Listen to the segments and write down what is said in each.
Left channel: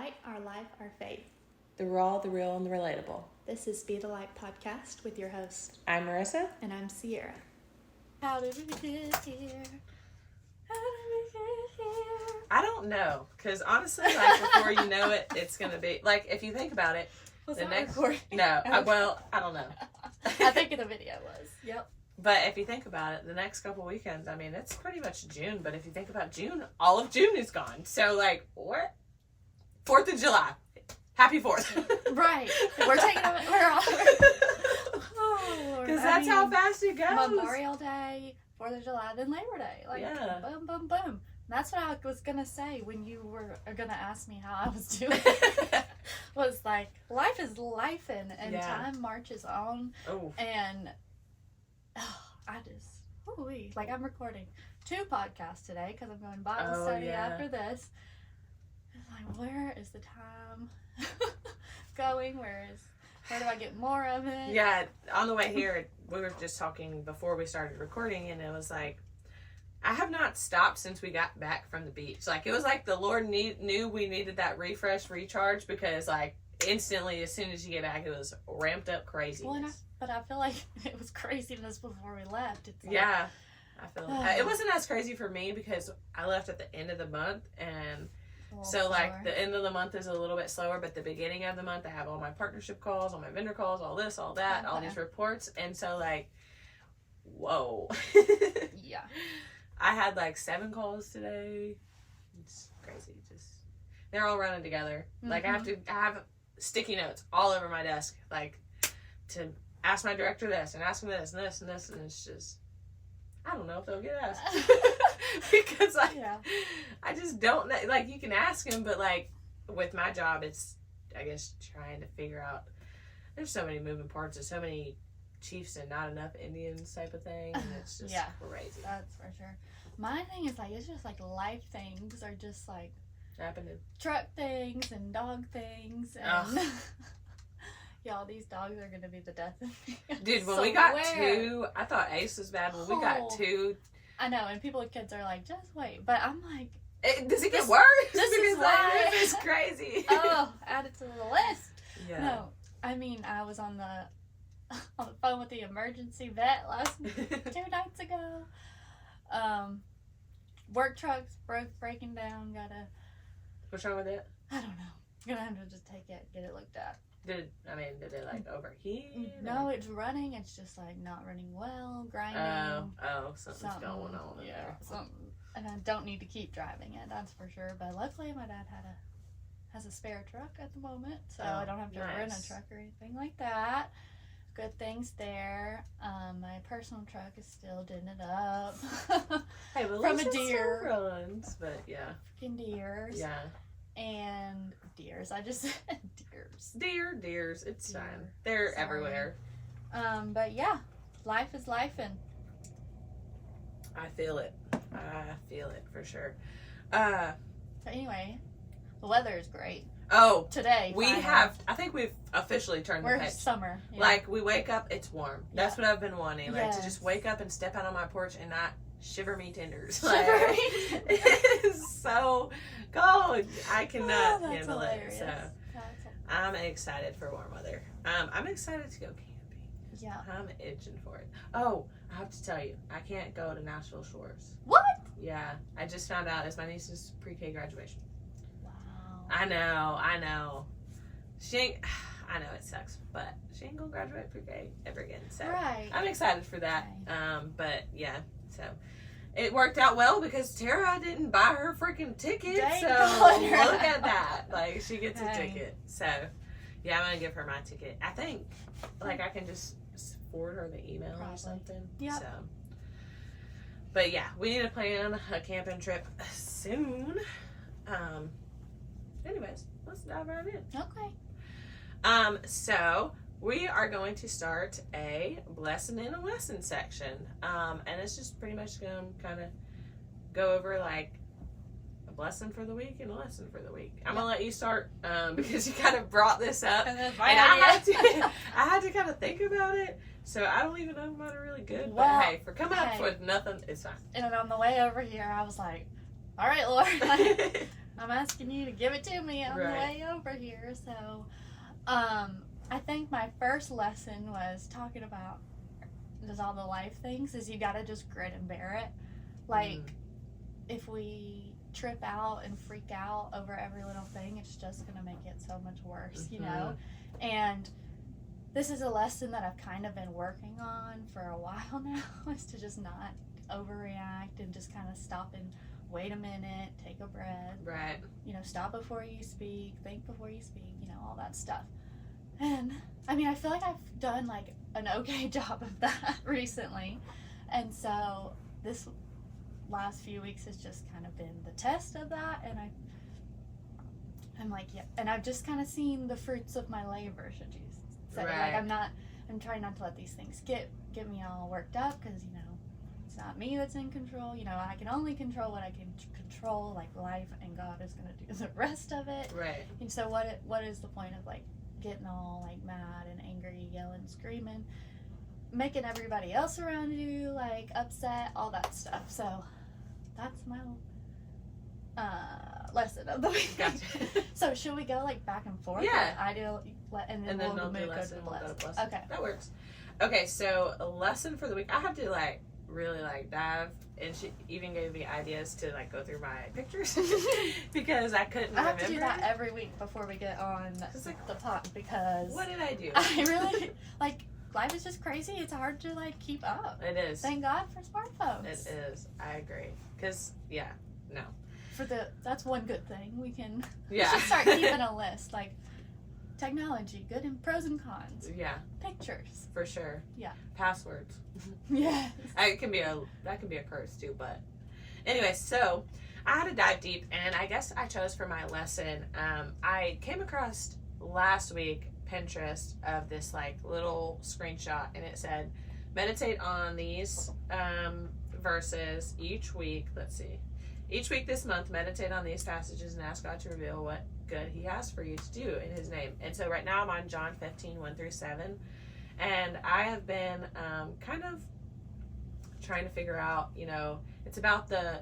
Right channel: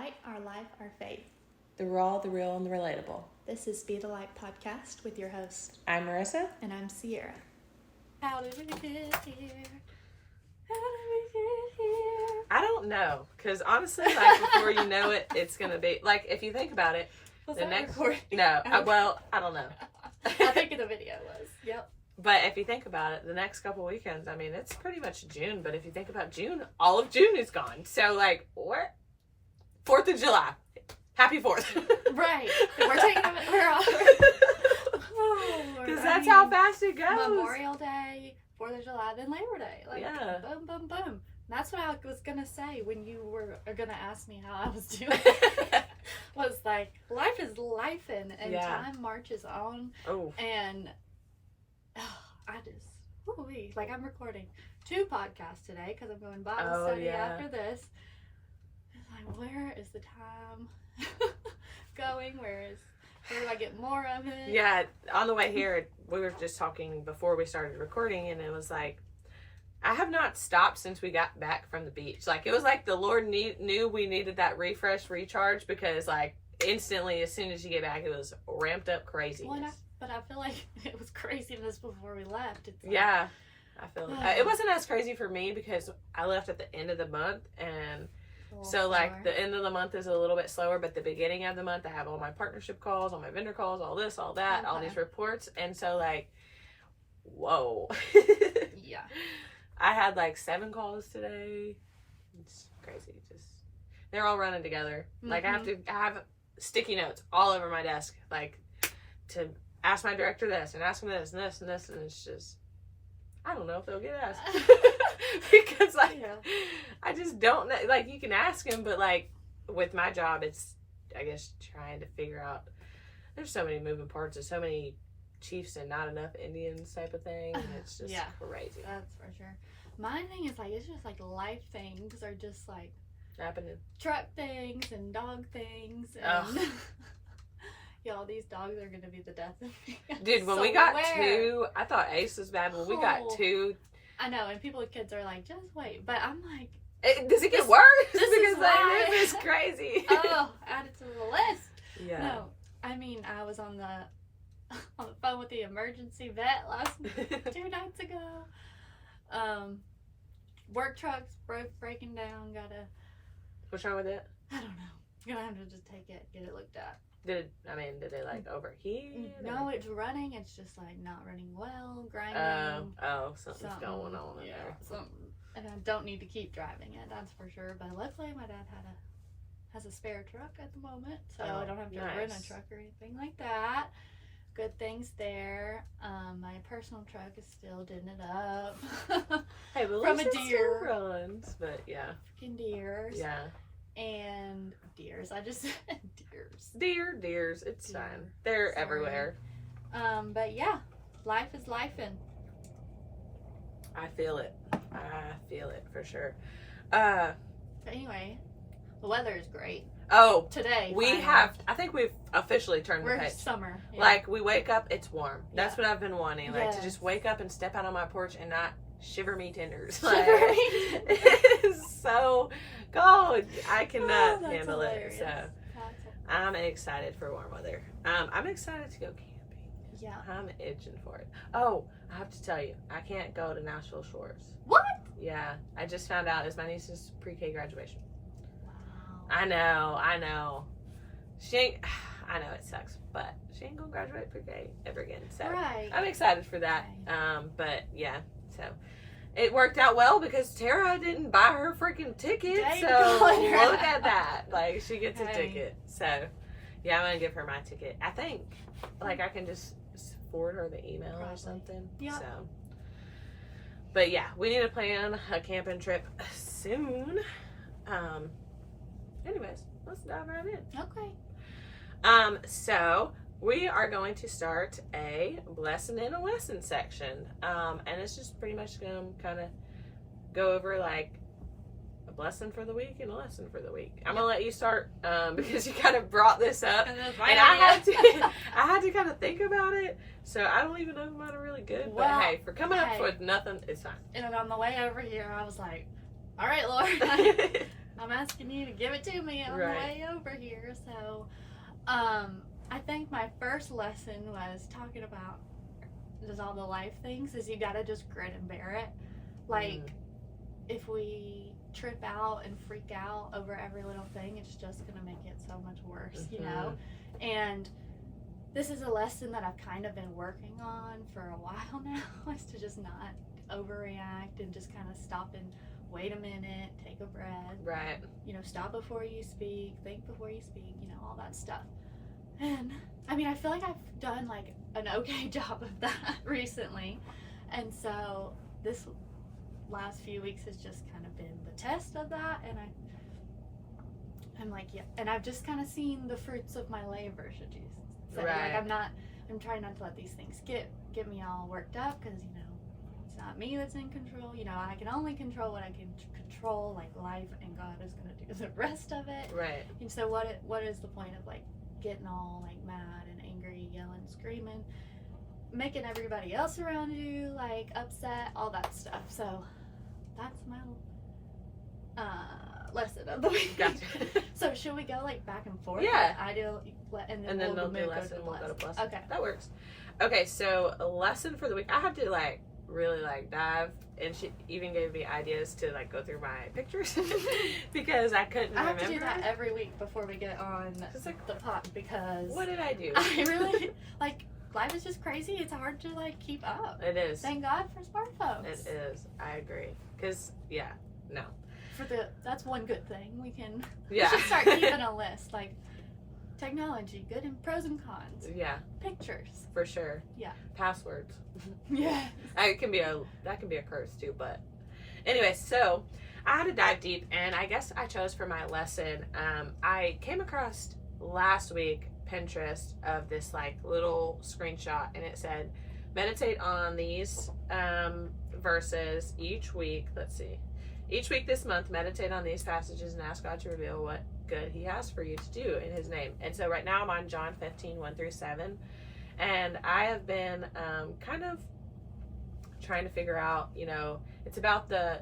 light, our life, our faith. The raw, the real, and the relatable. This is Be the Light podcast with your host. I'm Marissa. And I'm Sierra. How did we get here? How did we get here? I don't know, because honestly, like, before you know it, it's going to be, like, if you think about it, Was the that next, recording? no, I don't know. I think the video was. Yep. But if you think about it, the next couple weekends, I mean, it's pretty much June, but if you think about June, all of June is gone. So, like, what? 4th of July. Happy 4th. Right. We're off. Because that's how fast it goes. Memorial Day, 4th of July, then Labor Day. Like, yeah. boom, boom, boom. That's what I was going to say when you were going to ask me how I was doing. Was like, life is lifin', and time marches on. Oh. And I just, ooh-wee. Like, I'm recording 2 podcasts today because I'm going Bible study after this. It's like, where is the time going? Where do I get more of it? Yeah, on the way here, we were just talking before we started recording, and it was like, I have not stopped since we got back from the beach. Like, it was like the Lord knew we needed that recharge, because, like, instantly, as soon as you get back, it was ramped up craziness. Well, but I feel like it was craziness before we left. It's like, yeah, I feel like it wasn't as crazy for me because I left at the end of the month, and so, like, the end of the month is a little bit slower, but the beginning of the month, I have all my partnership calls, all my vendor calls, all this, all that, all these reports, and so, like, whoa. Yeah. I had, like, 7 calls today. It's crazy. They're all running together. Mm-hmm. Like, I have sticky notes all over my desk, like, to ask my director this, and ask him this, and this, and this, and it's just, I don't know if they'll get asked. Because, like, I just don't know. Like, you can ask him, but, like, with my job, it's, I guess, trying to figure out, there's so many moving parts, and so many chiefs and not enough Indians type of thing, and it's just crazy. That's for sure. My thing is, like, it's just, like, life things are just, like, happening. Truck things and dog things, and y'all, these dogs are gonna be the death of me. Dude, when we got 2, I thought Ace was bad. When we got 2, I know, and kids are like, just wait, but I'm like, does it get worse? This because is why. This is crazy. Add it to the list. Yeah. No, I mean, I was on the phone with the emergency vet 2 nights ago. Work trucks breaking down. What's wrong with it? I don't know. You're gonna have to just take it, get it looked at. Did it like overheat? No, it's running. It's just like not running well, grinding. Something's going on in there. Something. And I don't need to keep driving it, that's for sure. But luckily, my dad has a spare truck at the moment, so I don't have to rent a truck or anything like that. Good things there. My personal truck is still doing it up. Hey, but from a deer. Runs, but yeah. Freaking deers. Yeah. And deers. I just said deers. Deers. It's fine. They're everywhere. But yeah, life is lifin'. I feel it for sure. But anyway, the weather is great. Oh, today I think we've officially turned the page. We're summer. Yeah. Like, we wake up, it's warm. That's what I've been wanting. Like, to just wake up and step out on my porch and not shiver me tenders. Like, it is so cold. I cannot handle it. So, I'm excited for warm weather. I'm excited to go camping. Yeah. I'm itching for it. Oh, I have to tell you, I can't go to Nashville Shores. What? Yeah. I just found out it's my niece's pre-K graduation. Wow. I know. I know it sucks, but she ain't gonna graduate pre-K ever again. So I'm excited for that. But yeah, so it worked out well because Tara didn't buy her freaking ticket. So look at that. Like, she gets a ticket. So yeah, I'm gonna give her my ticket. I think, like, I can just forward her the email or something. Yeah. So, but yeah, we need to plan a camping trip soon. Anyways, let's dive right in. Okay. So we are going to start a blessing and a lesson section. And it's just pretty much going to kind of go over, like, a blessing for the week and a lesson for the week. I'm going to let you start, because you kind of brought this up. And I had to kind of think about it. So I don't even know if mine are really good. But hey, for coming up with nothing, it's fine. And on the way over here, I was like, all right, Lord. I'm asking you to give it to me on the way over here. So, I think my first lesson was talking about just all the life things is you gotta just grit and bear it. Like, if we trip out and freak out over every little thing, it's just gonna make it so much worse, you know? And this is a lesson that I've kind of been working on for a while now, is to just not overreact and just kind of stop and wait a minute, take a breath. Right. You know, stop before you speak, think before you speak, you know, all that stuff. And, I mean, I feel like I've done, like, an okay job of that recently. And so, this last few weeks has just kind of been the test of that. And I'm like, yeah. And I've just kind of seen the fruits of my labor, should you say. Right. Like, I'm trying not to let these things get me all worked up, because, you know, it's not me that's in control. You know, I can only control what I can control, like life, and God is going to do the rest of it. Right. And so what is the point of, like, getting all, like, mad and angry, yelling, screaming, making everybody else around you, like, upset, all that stuff. So that's my lesson of the week. Gotcha. So should we go, like, back and forth? Yeah. Like, I do, and then we'll they'll do move lesson, we'll go to blessing. Okay. That works. Okay, so a lesson for the week. I had to, like, really, like, dive, and she even gave me ideas to, like, go through my pictures because I couldn't remember. I have to do that every week before we get on like, the pot, because what did I do? I really, like, life is just crazy. It's hard to, like, keep up. It is. Thank God for smartphones. It is. I agree. Because, yeah, no. That's one good thing. We Yeah. should start keeping a list, like, technology, good and pros and cons. Yeah. Pictures. For sure. Yeah. Passwords. Yeah. That can be a curse too, but anyway, so I had to dive deep, and I guess I chose for my lesson. I came across last week Pinterest of this, like, little screenshot, and it said, meditate on these verses each week. Let's see. Each week this month, meditate on these passages and ask God to reveal what good he has for you to do in his name. And so right now I'm on John 15, 1-7. And I have been kind of trying to figure out, you know, it's about the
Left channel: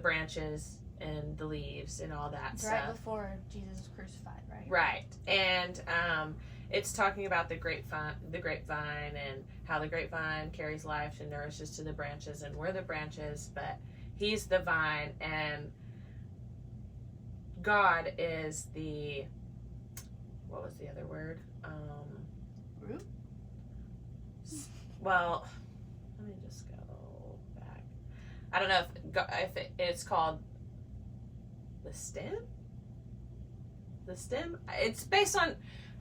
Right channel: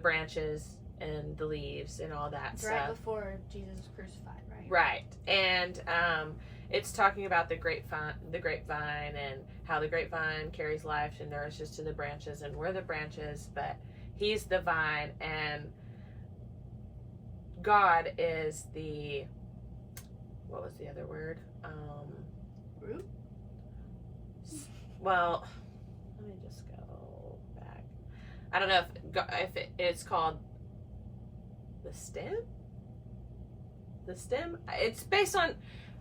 branches and the leaves and all that stuff. Right before Jesus was crucified, right? Right. And it's talking about the grapevine and how the grapevine carries life and nourishes to the branches, and we're the branches, but he's the vine, and God is the, what was the other word? Root? Well, let me just go back. I don't know if it's called the stem? The stem? It's based on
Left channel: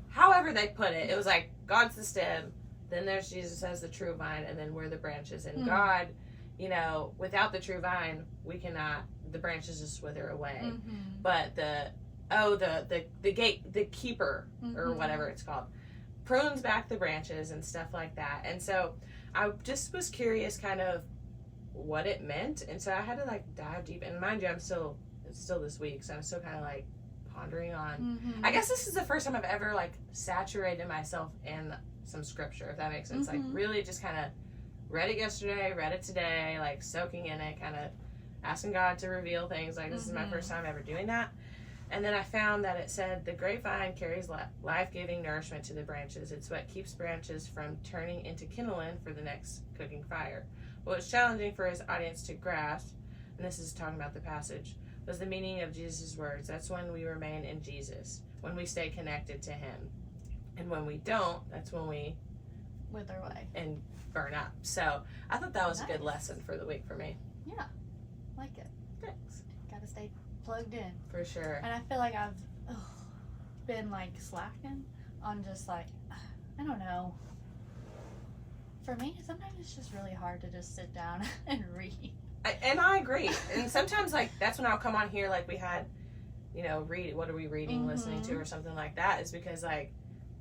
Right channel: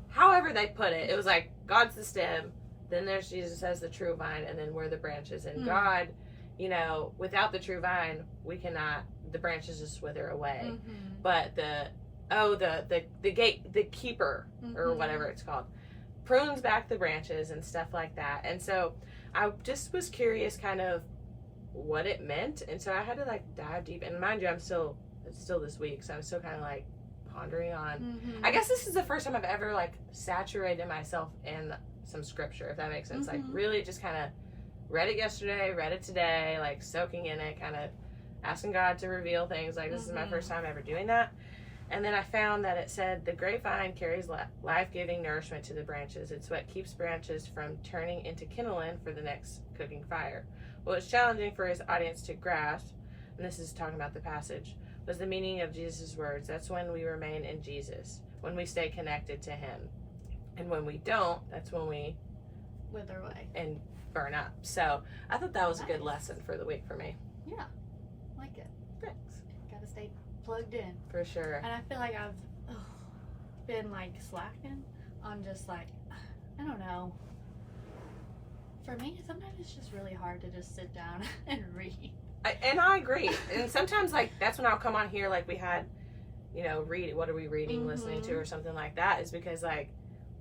however they put it. It was like, God's the stem, then there's Jesus as the true vine, and then we're the branches. And God, you know, without the true vine, we cannot, the branches just wither away. But the keeper, or whatever it's called, prunes back the branches and stuff like that. And so I just was curious kind of what it meant, and so I had to, like, dive deep. And mind you, it's still this week, so I'm still kind of, like, pondering on, I guess this is the first time I've ever, like, saturated myself in some scripture, if that makes sense. Like, really just kind of read it yesterday, read it today, like, soaking in it, kind of asking God to reveal things. Like, this is my first time ever doing that. And then I found that it said, the grapevine carries life-giving nourishment to the branches. It's what keeps branches from turning into kindling for the next cooking fire. What was challenging for his audience to grasp, and this is talking about the passage, was the meaning of Jesus' words. That's when we remain in Jesus, when we stay connected to him. And when we don't, that's when we wither away and burn up. So I thought that was a good lesson for the week for me. Yeah, like it. Thanks. Gotta stay plugged in. For sure. And I feel like I've been, like, slacking on just, like, I don't know. For me, sometimes it's just really hard to just sit down and read. And I agree. And sometimes, like, that's when I'll come on here, like we had, you know, what are we reading, listening to, or something like that, is because, like,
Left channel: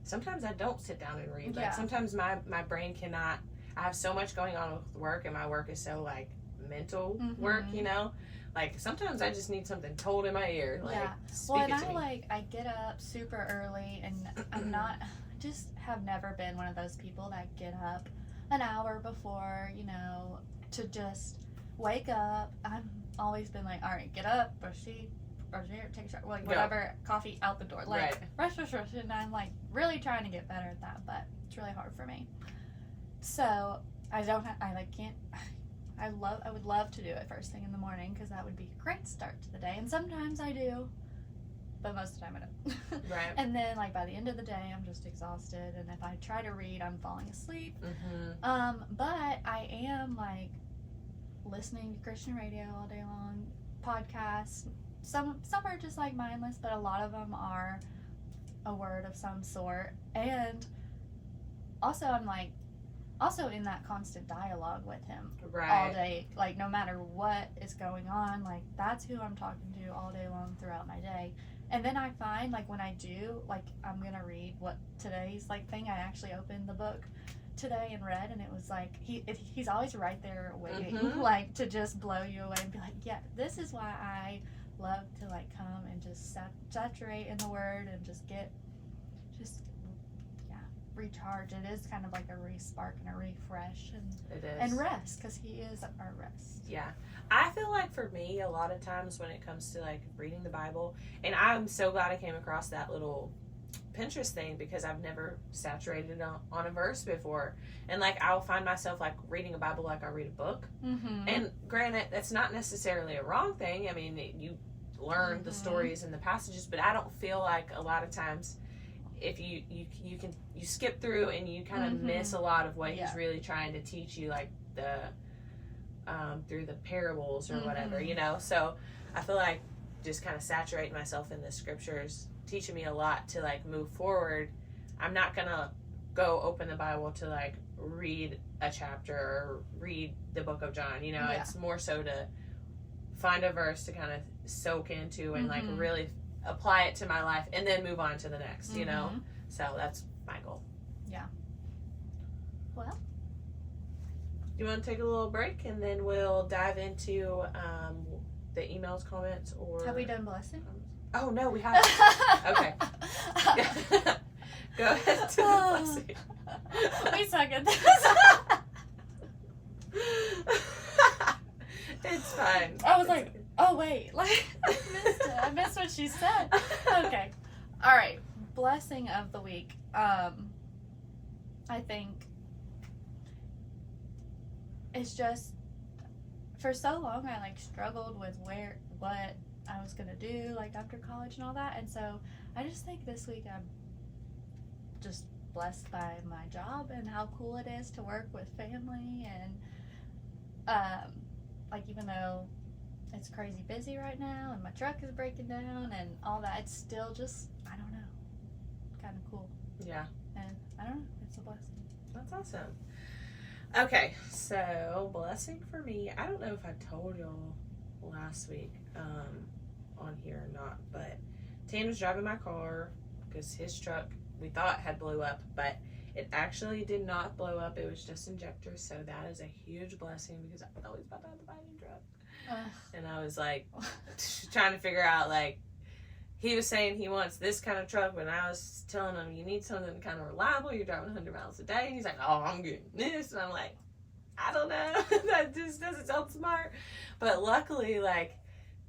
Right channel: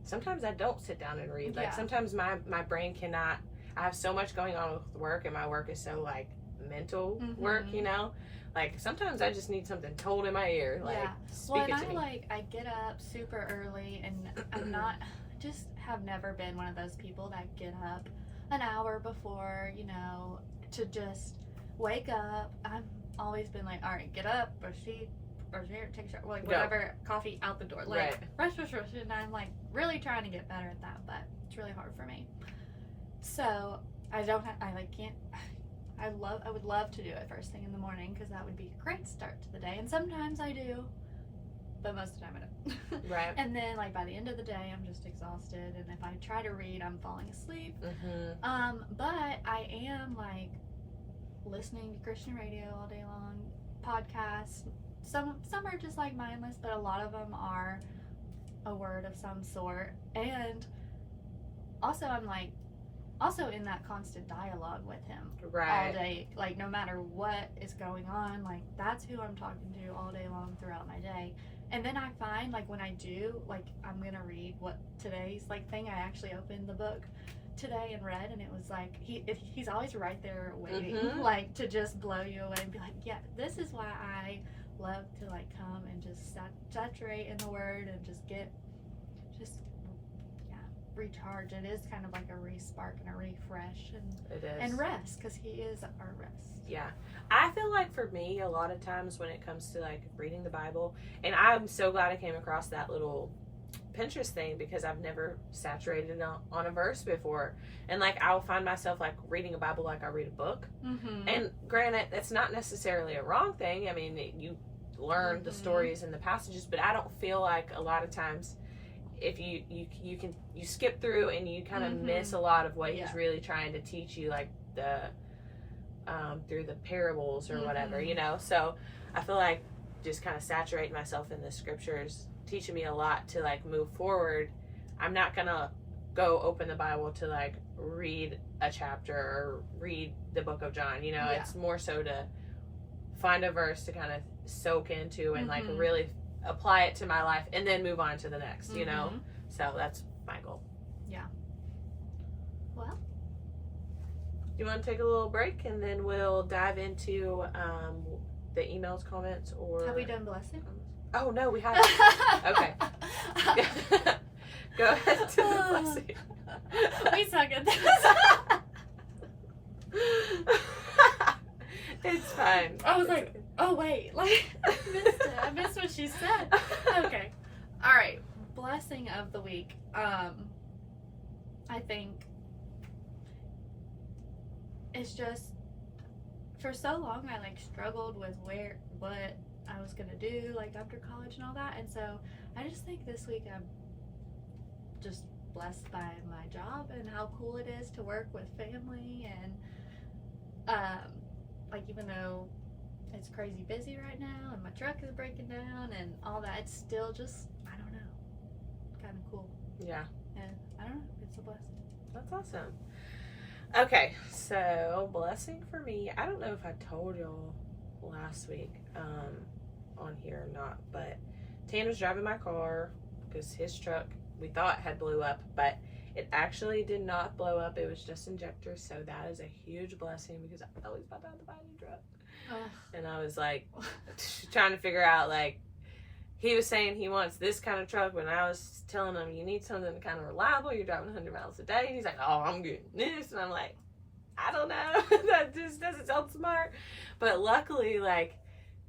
sometimes I don't sit down and read. Like, sometimes my brain cannot, I have so much going on with work, and my work is so, like, mental work, you know? Like, sometimes I just need something told in my ear, like, speak it to me. I get up super early, and I'm not, just have never been one of those people that get up an hour before, you know, to just wake up. I've always been like, all right, get up, brush teeth, or take a shower, like Go. whatever, coffee out the door. Like, Right. rush. And I'm like really trying to get better at that, but it's really hard for me. So I would love to do it first thing in the morning because that would be a great start to the day. And sometimes I do, but most of the time I don't. Right. And then like by the end of the day, I'm just exhausted. And if I try to read, I'm falling asleep. Mm-hmm. But I am like listening to Christian radio all day long, podcasts. Some are just like mindless, but a lot of them are a word of some sort. And also I'm like also in that constant dialogue with him Right. all day, like no matter what is going on, like that's who I'm talking to all day long throughout my day. And then I find like when I do, like I'm gonna read what today's like thing, I actually opened the book today and read, and it was like he's always right there waiting, Mhm. like to just blow you away and be like, yeah, this is why I love to like come and just saturate in the word and just recharge. It is kind of like a re-spark and a refresh It is. and rest, because he is our rest. Yeah. I feel like for me, a lot of times when it comes to like reading the Bible, and I'm so glad I came across that little Pinterest thing because I've never saturated on a verse before. And like I will find myself like reading a Bible like I read a book. Mm-hmm. And granted, that's not necessarily a wrong thing. I mean, you learn the stories and the passages, but I don't feel like a lot of times if you skip through and you kind of miss a lot of what he's really trying to teach you, like the through the parables or whatever, you know. So I feel like just kind of saturating myself in the scriptures teaching me a lot to like move forward. I'm not gonna go open the Bible to like read a chapter or read the book of John, you know. It's more so to find a verse to kind of soak into and like really apply it to my life and then move on to the next, you know. So that's my goal. Yeah. Well, you want to take a little break and then we'll dive into the emails, comments, or have we done blessing? Oh no, we haven't. Okay. Go ahead to the blessing. We suck at this. It's fine. I was like, oh wait, like I missed it. I missed what she said. Okay. All right. Blessing of the week. I think it's just for so long I like struggled with what I was gonna do like after college and all that, and so I just think this week I'm just blessed by my job and how cool it is to work with family, and like even though it's crazy busy right now and my truck is breaking down and all that, it's still just, I don't know, kind of cool. Yeah. And I don't know, it's a blessing. That's awesome. Okay, so blessing for me, I don't know if I told y'all last week on here or not, but Tanner's driving my car because his truck we thought had blew up, but it actually did not blow up. It was just injectors, so that is a huge blessing because I thought he was about to have to buy a new truck. And I was like trying to figure out, like, he was saying he wants this kind of truck, but I was telling him you need something kind of reliable. You're driving 100 miles a day. And he's like, oh, I'm getting this. And I'm like, I don't know. That just doesn't sound smart. But luckily, like,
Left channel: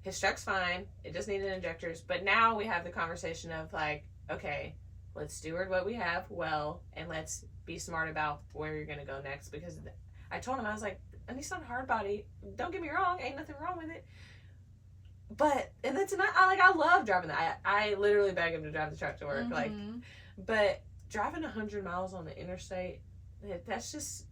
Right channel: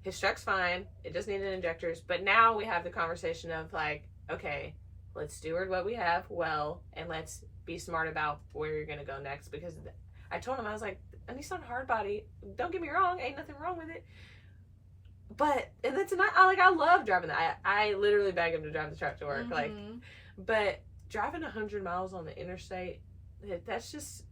his truck's fine. It just needed injectors. But now we have the conversation of like, okay, let's steward what we have well, and let's be smart about where you're going to go next. Because I told him, I was like, a Nissan hardbody, don't get me wrong, ain't nothing wrong with it. But, and that's not, I love driving that. I literally beg him to drive the truck to work. Like, but driving 100 miles on the interstate, that's just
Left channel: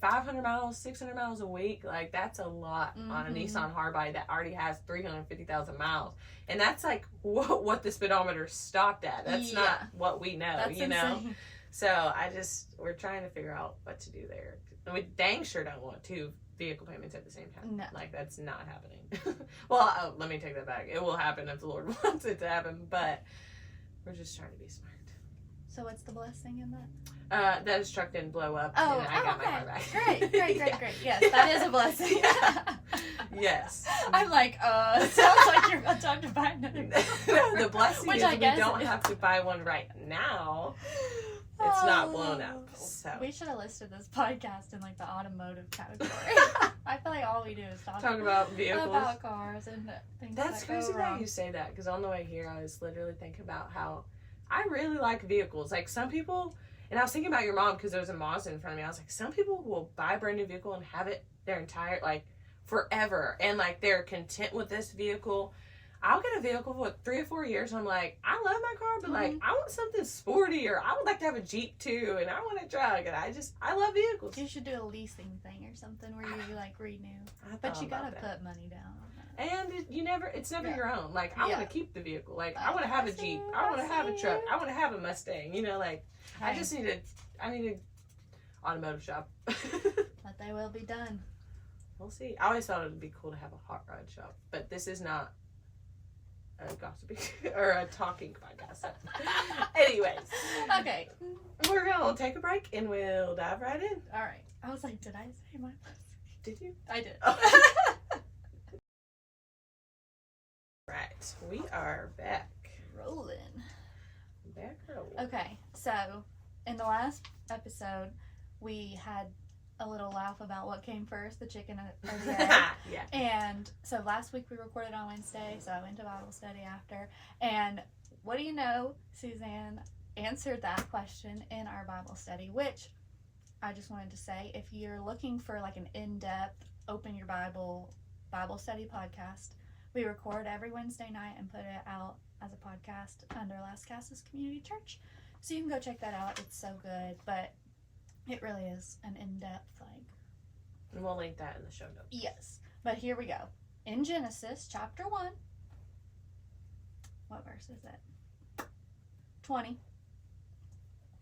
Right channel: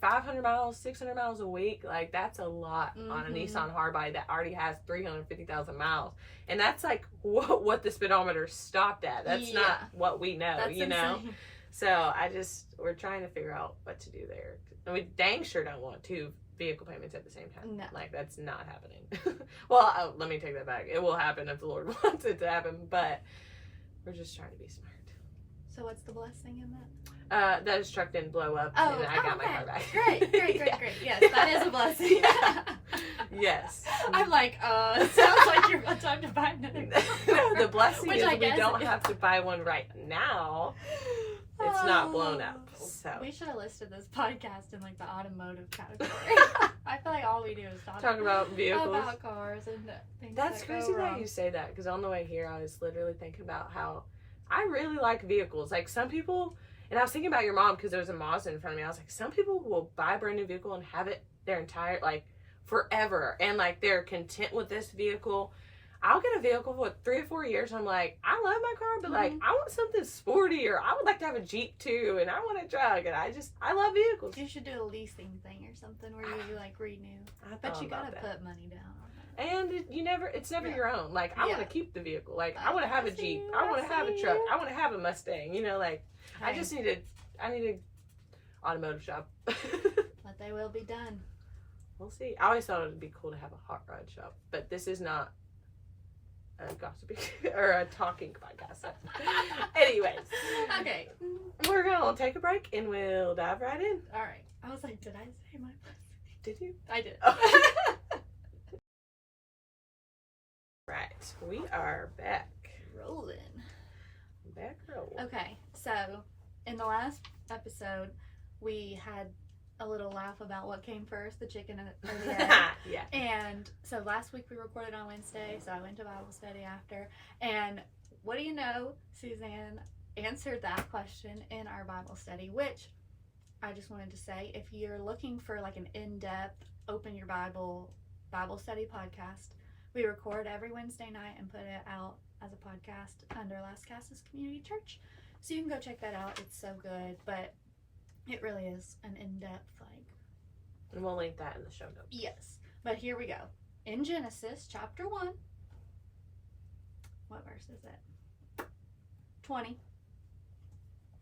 500 miles, 600 miles a week. Like, that's a lot on a Nissan hardbody that already has 350,000 miles. And that's like what the speedometer stopped at. That's not what we know, that's you know? Insane. So we're trying to figure out what to do there. And we dang sure don't want 2 vehicle payments at the same time. No. Like, that's not happening. Well, let me take that back. It will happen if the Lord wants it to happen, but we're just trying to be smart. So what's the blessing in that? That his truck didn't blow up, and I got my car back. Great. Yes, that is a blessing. Yes. I'm like, it sounds like you're about time to buy another car. No, the blessing is we don't have to buy one right now. It's not blown up. So We should have listed this podcast in like the automotive category. I feel like all we do is talk about vehicles. about cars and things. That's that crazy go that wrong. you say that, because on the way here I was literally thinking about how I really like vehicles. Like some people, and I was thinking about your mom because there was a Mazda in front of me. I was like, some people will buy a brand new vehicle and have it their entire, like, forever. And like they're content with this vehicle. I'll get a vehicle for 3 or 4 years and I'm like, I love my car, but like I want something sporty, or I would like to have a Jeep too, and I want a truck, and I love vehicles. You should do a leasing thing or something where you like renew. But you gotta put money down. And it's never your own. Like, I want to keep the vehicle. Like, I want to have a Jeep. I want to have a truck. I want to have a Mustang. You know, like, I need a automotive shop. But they will be done. We'll see. I always thought it would be cool to have a hot rod shop, but this is not a gossiping or a talking podcast. So. Anyways. Okay. We're going to take a break and we'll dive right in. All right. I was like, did I say my Did you? I did. Oh. Right, we are back. Rolling. Back rolling. Okay, so in the last episode, we had a little laugh about what came first, the chicken or the egg. Yeah. And so last week we recorded on Wednesday, so I went to Bible study after. And what do you know? Suzanne answered that question in our Bible study, which I just wanted to say, if you're looking for like an in-depth, open your Bible study podcast, we record every Wednesday night and put it out as a podcast under Lascassas Community Church. So you can go check that out. It's so good, but it really is an in-depth, like... And we'll link that in the show notes. Yes. But here we go. In Genesis chapter 1, what verse is it? 20.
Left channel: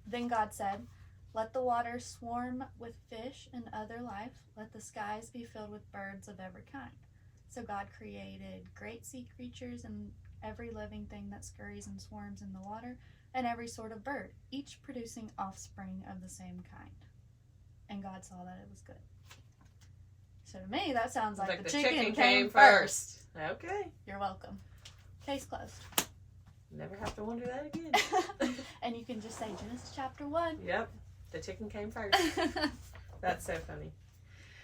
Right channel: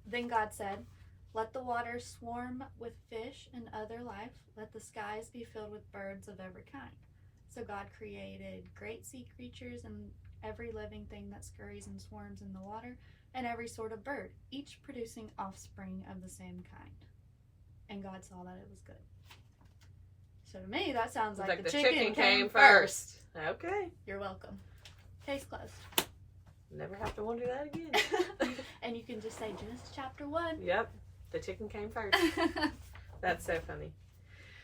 Then God said, "Let the waters swarm with fish and other life. Let the skies be filled with birds of every kind." So God created great sea creatures and every living thing that scurries and swarms in the water, and every sort of bird, each producing offspring of the same kind. And God saw that it was good. So to me, that sounds like the chicken came first. Okay. You're welcome. Case closed. Never have to wonder that again. And you can just say Genesis chapter 1. Yep. The chicken came first. That's so funny.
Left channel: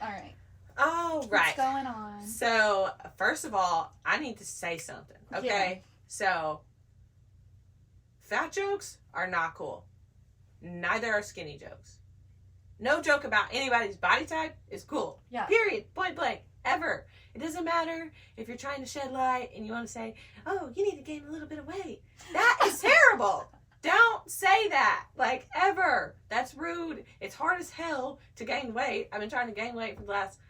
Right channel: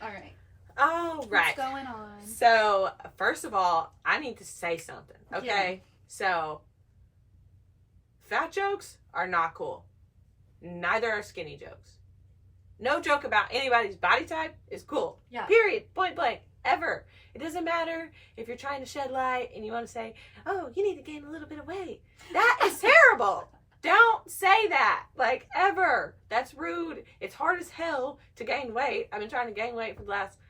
All right. All right. What's going on? So, first of all, I need to say something. Okay? Yeah. So, fat jokes are not cool. Neither are skinny jokes. No joke about anybody's body type is cool. Yeah. Period. Point blank. Ever. It doesn't matter if you're trying to shed light and you want to say, oh, you need to gain a little bit of weight. That is terrible. Don't say that. Like, ever. That's rude. It's hard as hell to gain weight. I've been trying to gain weight for the last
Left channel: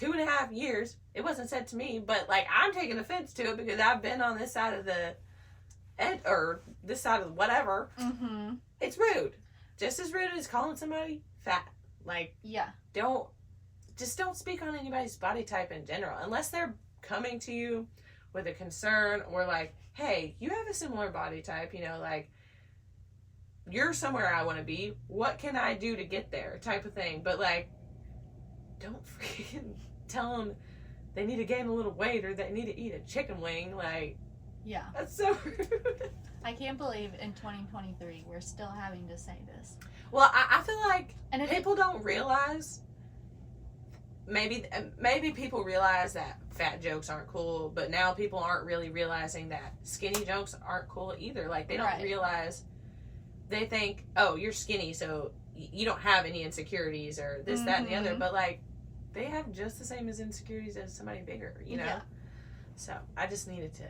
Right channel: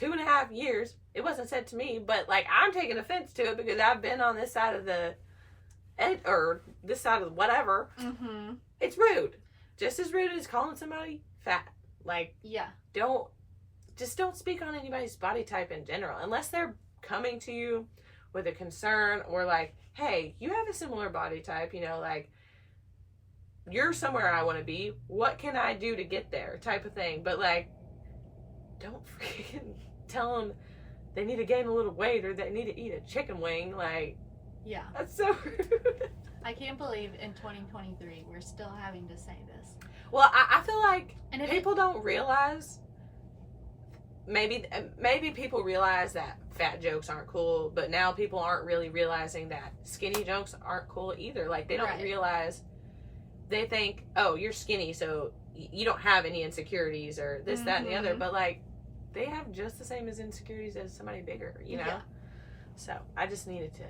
2.5 years. It wasn't said to me, but like, I'm taking offense to it because I've been on this side of the or this side of whatever. Mm-hmm. It's rude. Just as rude as calling somebody fat. Like, Yeah. don't speak on anybody's body type in general unless they're coming to you with a concern, or like, hey, you have a similar body type, you know, like, you're somewhere I want to be, what can I do to get there, type of thing. But like, don't freaking tell them they need to gain a little weight or they need to eat a chicken wing. Like, Yeah. that's so rude. I can't believe in 2023 we're still having to say this. Well, I feel like And people don't realize, maybe people realize that fat jokes aren't cool, but now people aren't really realizing that skinny jokes aren't cool either. Like, they don't Right. realize, they think, oh, you're skinny, so you don't have any insecurities or this, that, and the other. Mhm. But like, they have just the same as insecurities as somebody bigger, you know? Yeah. So I just needed to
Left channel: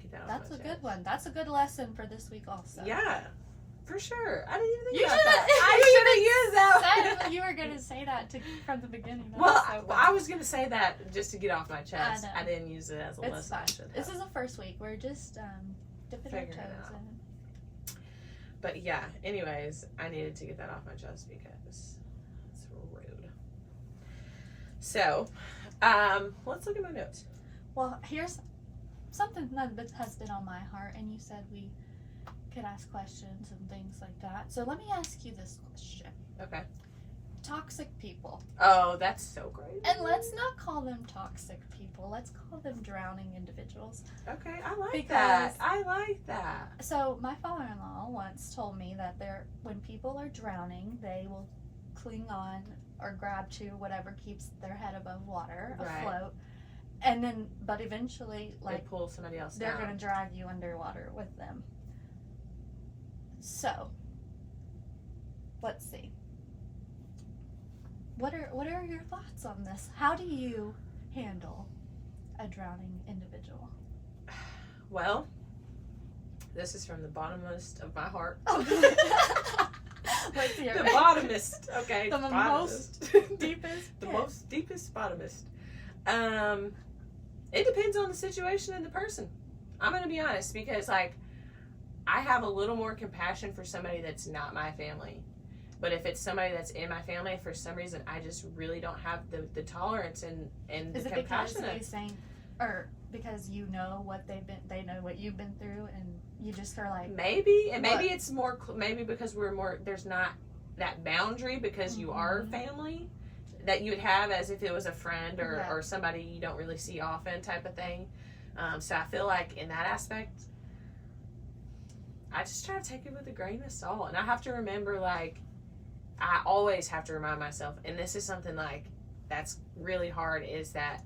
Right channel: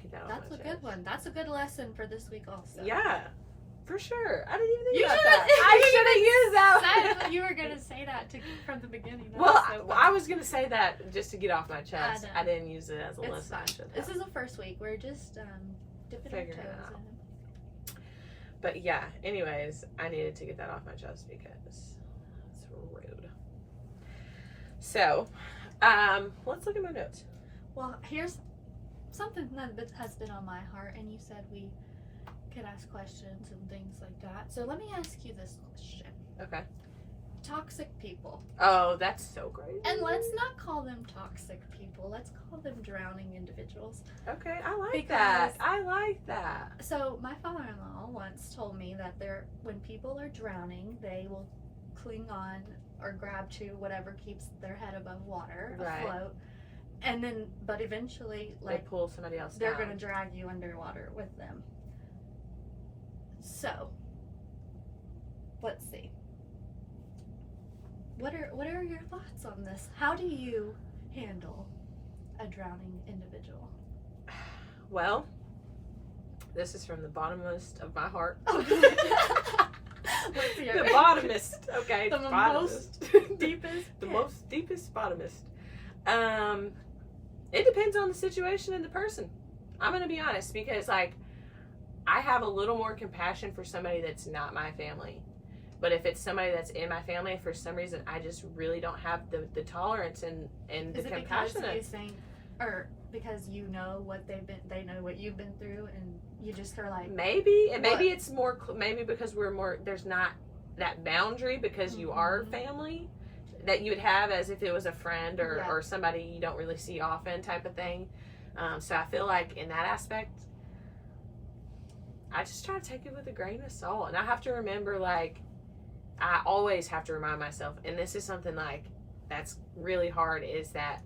get that off That's my a chest. good one. That's a good lesson for this week also. Yeah, for sure. I didn't even think You about should've- that. I should have used that. You were going to say that from the beginning. That Well, was so I was going to say that just to get off my chest. know. I didn't use it as a It's lesson. I fine. should have. This is the first week. We're just dipping our Figuring it toes out. in. But yeah, anyways, I needed to get that off my chest because it's rude. So, let's look at my notes. Well, here's something that has been on my heart, and you said we could ask questions and things like that. So let me ask you this question. Okay. toxic people. Oh, that's so great. And let's not call them toxic people. Let's call them drowning individuals. Okay, I like that. I like that. So my father-in-law once told me that when people are drowning, they will cling on or grab to whatever keeps their head above water, afloat. And then, but eventually, they pull somebody else they're down. going to drag you underwater with them. So, let's see. What are your thoughts on this? How do you handle a drowning individual? Well, this is from the bottomest of my heart. Let's hear The it. bottomest, okay. The bottomest. most deepest. The most deepest bottomest. It depends on the situation and the person. I'm gonna be honest, because like I have a little more compassion for somebody that's not my family. But if it's somebody that's in my family, for some reason I just really don't have the tolerance and Is the it compassion. because you think, or because you know what they know what you've been through, and you just are like, Maybe, and maybe it's more, maybe because we're more, there's not that boundary because you are family that you would have as if it was a friend or somebody you don't really see often type of thing. So I feel like in that aspect, I just try to take it with a grain of salt. And I have to remember, like, I always have to remind myself, and this is something like that's really hard, is that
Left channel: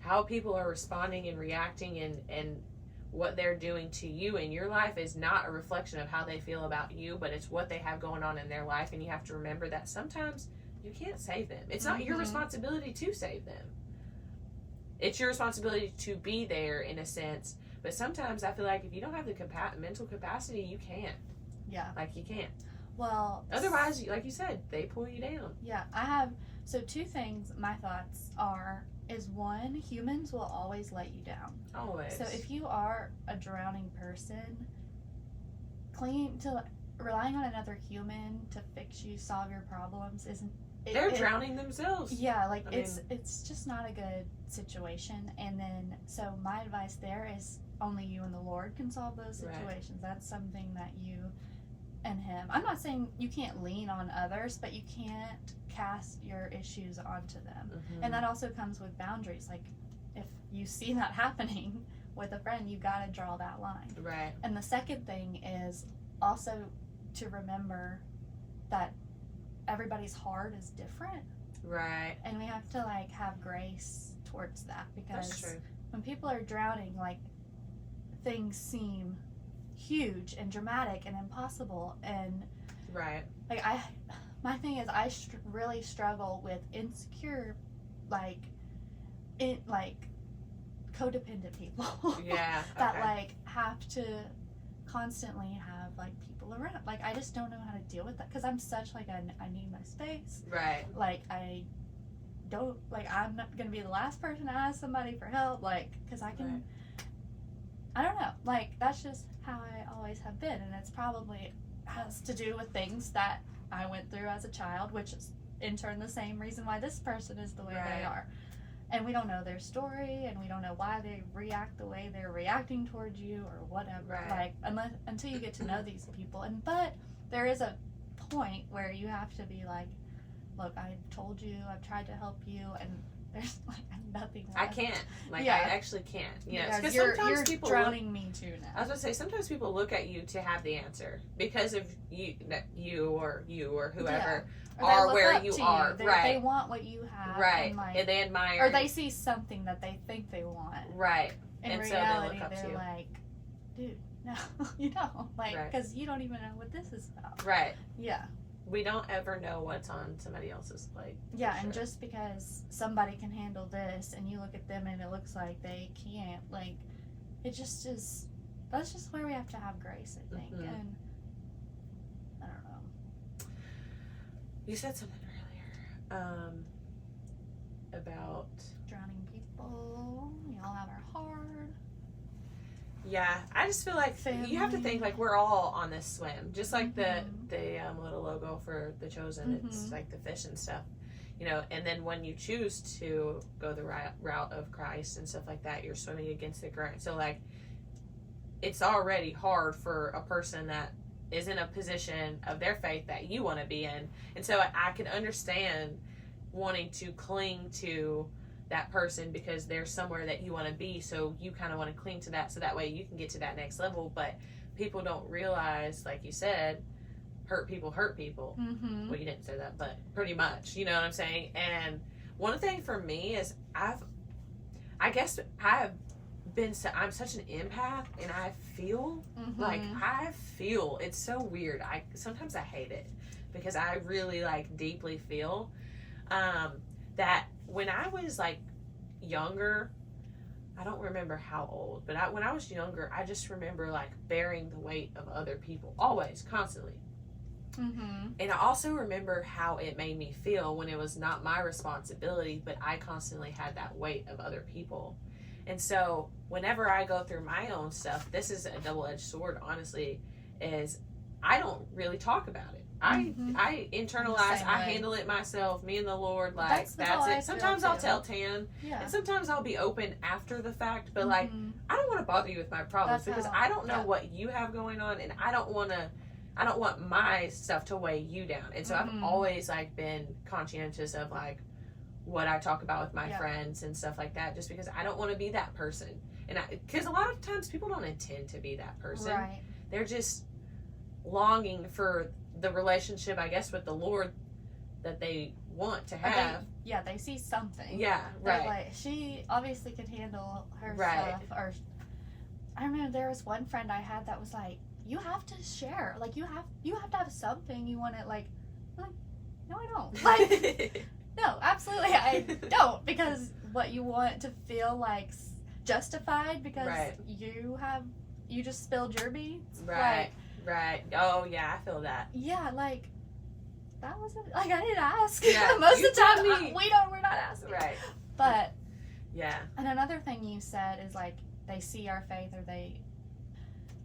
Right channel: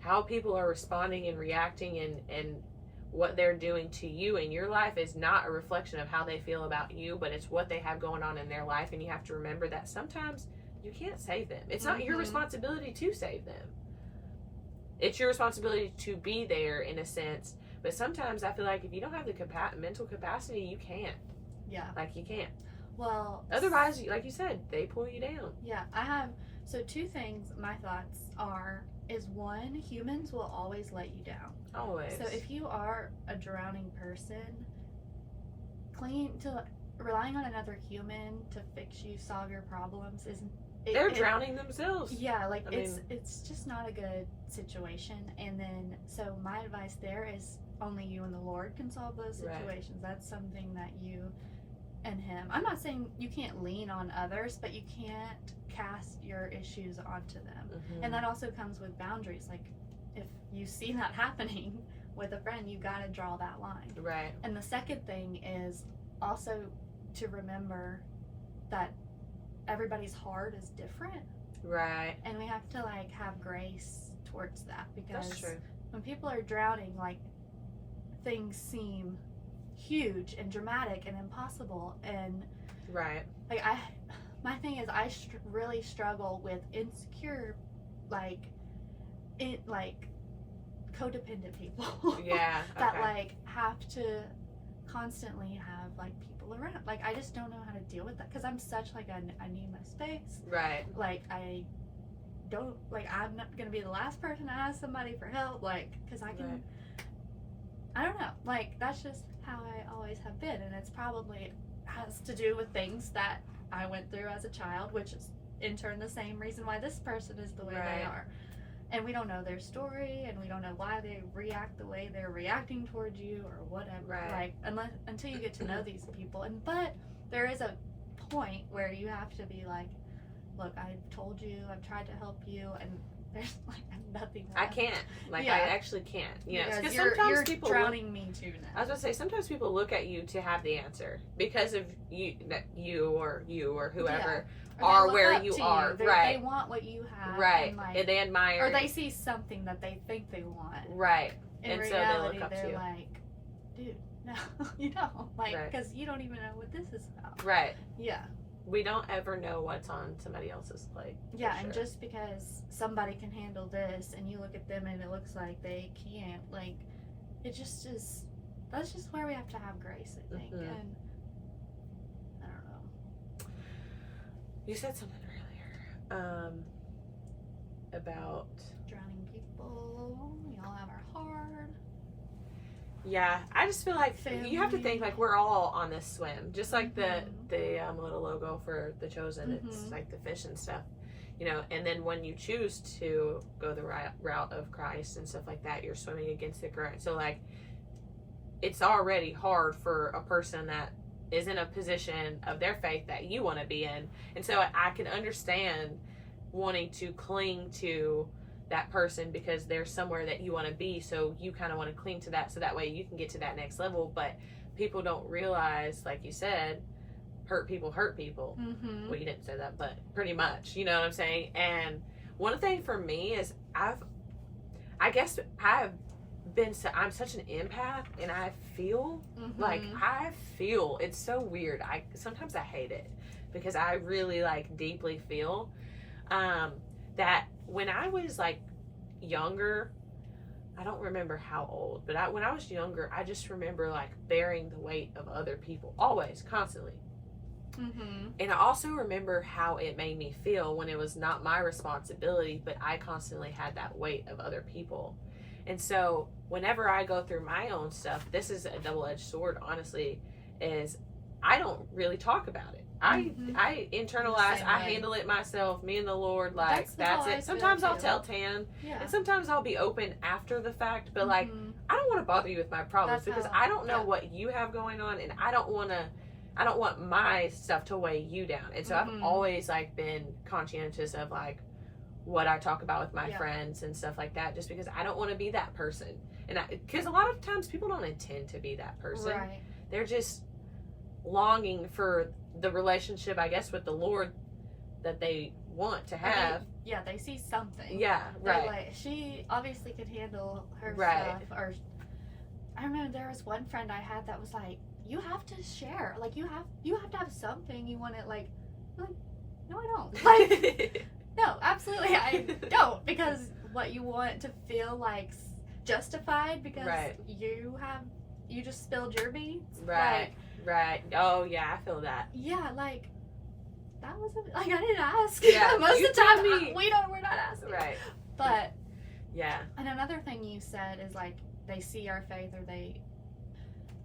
how people are responding and reacting and what they're doing to you in your life is not a reflection of how they feel about you, but it's what they have going on in their life. And you have to remember that sometimes you can't save them. It's not your responsibility to save them. It's your responsibility to be there in a sense. But sometimes I feel like if you don't have the mental capacity, you can't. Yeah. Like, you can't. Well, Otherwise, like you said, they pull you down. Yeah, I have. So two things. My thoughts is one, humans will always let you down. Always. So if you are a drowning person, relying on another human to fix you, solve your problems isn't. They're drowning themselves. Yeah, like I mean, it's just not a good situation. And then so my advice there is only you and the Lord can solve those situations. Right. That's something that you and Him. I'm not saying you can't lean on others, but you can't cast your issues onto them. And that also comes with boundaries. Like if you see that happening with a friend, you got to draw that line. Right. And the second thing is also to remember that everybody's heart is different. Right. And we have to like have grace towards that, because that's true. When people are drowning, like things seem huge and dramatic and impossible, and right. Like my thing is I really struggle with insecure, like codependent people. Yeah. That like have to constantly have like people around. Like I just don't know how to deal with that, because I'm such like I need my space. Right. Like I don't, like I'm not gonna be the last person to ask somebody for help, like because I can. Right. I don't know, like that's just how I always have been, and it's probably has to do with things that I went through as a child, which is in turn the same reason why this person is the way they are. And we don't know their story, and we don't know why they react the way they're reacting towards you or whatever. Like until you get to know these people. But there is a point where you have to be like, look, I've told you, I've tried to help you, and there's like nothing left. I can't. Like I actually can't. You know, because you're sometimes people drowning me too now. I was gonna say sometimes people look at you to have the answer because of you or whoever. Are where you are, right? They want what you have, right? And, like, and they admire, or they see something that they think they want, right? In and reality, so they look up to you. Like, dude, no, you don't, like, because you don't even know what this is about, right? Yeah, we don't ever know what's on somebody else's plate. Yeah, and just because somebody can handle this, and you look at them and it looks like they can't, like, it just is. That's just where we have to have grace, I think, and. You said something earlier about drowning people. We all have our hard. Yeah, I just feel like family. You have to think like we're all on this swim, just like the little logo for the Chosen. It's like the fish and stuff, you know. And then when you choose to go the route of Christ and stuff like that, you're swimming against the current. So like, it's already hard for a person that is in a position of their faith that you want to be in. And so I can understand wanting to cling to that person because they're somewhere that you want to be, so you kind of want to cling to that so that way you can get to that next level. But people don't realize, like you said, hurt people. Mm-hmm. Well, you didn't say that, but pretty much, you know what I'm saying? And one thing for me is I'm such an empath, and I feel it's so weird. Sometimes I hate it because I really like deeply feel that when I was like younger, I don't remember how old, but when I was younger, I just remember like bearing the weight of other people, always, constantly. Mm-hmm. And I also remember how it made me feel when it was not my responsibility, but I constantly had that weight of other people. And so whenever I go through my own stuff, this is a double-edged sword, honestly, is I don't really talk about it. I internalize, I handle it myself, me and the Lord, like, that's it. Sometimes I'll tell Tan, and sometimes I'll be open after the fact, but like, I don't want to bother you with my problems because I don't know what you have going on, and I don't want my stuff to weigh you down. And so I've always like been conscientious of like what I talk about with my friends and stuff like that, just because I don't want to be that person. And because a lot of times people don't intend to be that person. Right. They're just longing for the relationship, I guess, with the Lord that they want to have. They see something. Yeah, right. They're like, she obviously could handle her stuff. Or I remember there was one friend I had that was like, you have to share. Like, you have to have something you want to, like, no, I don't. Like, no, absolutely I don't, because what you want to feel like justified because you just spilled your beans. Right. Right. Oh, yeah, I feel that. Yeah, like, that wasn't, like, I didn't ask. Yeah, Most of the time, me. we're not asking. Right. But, yeah. And another thing you said is, like, they see our faith or they,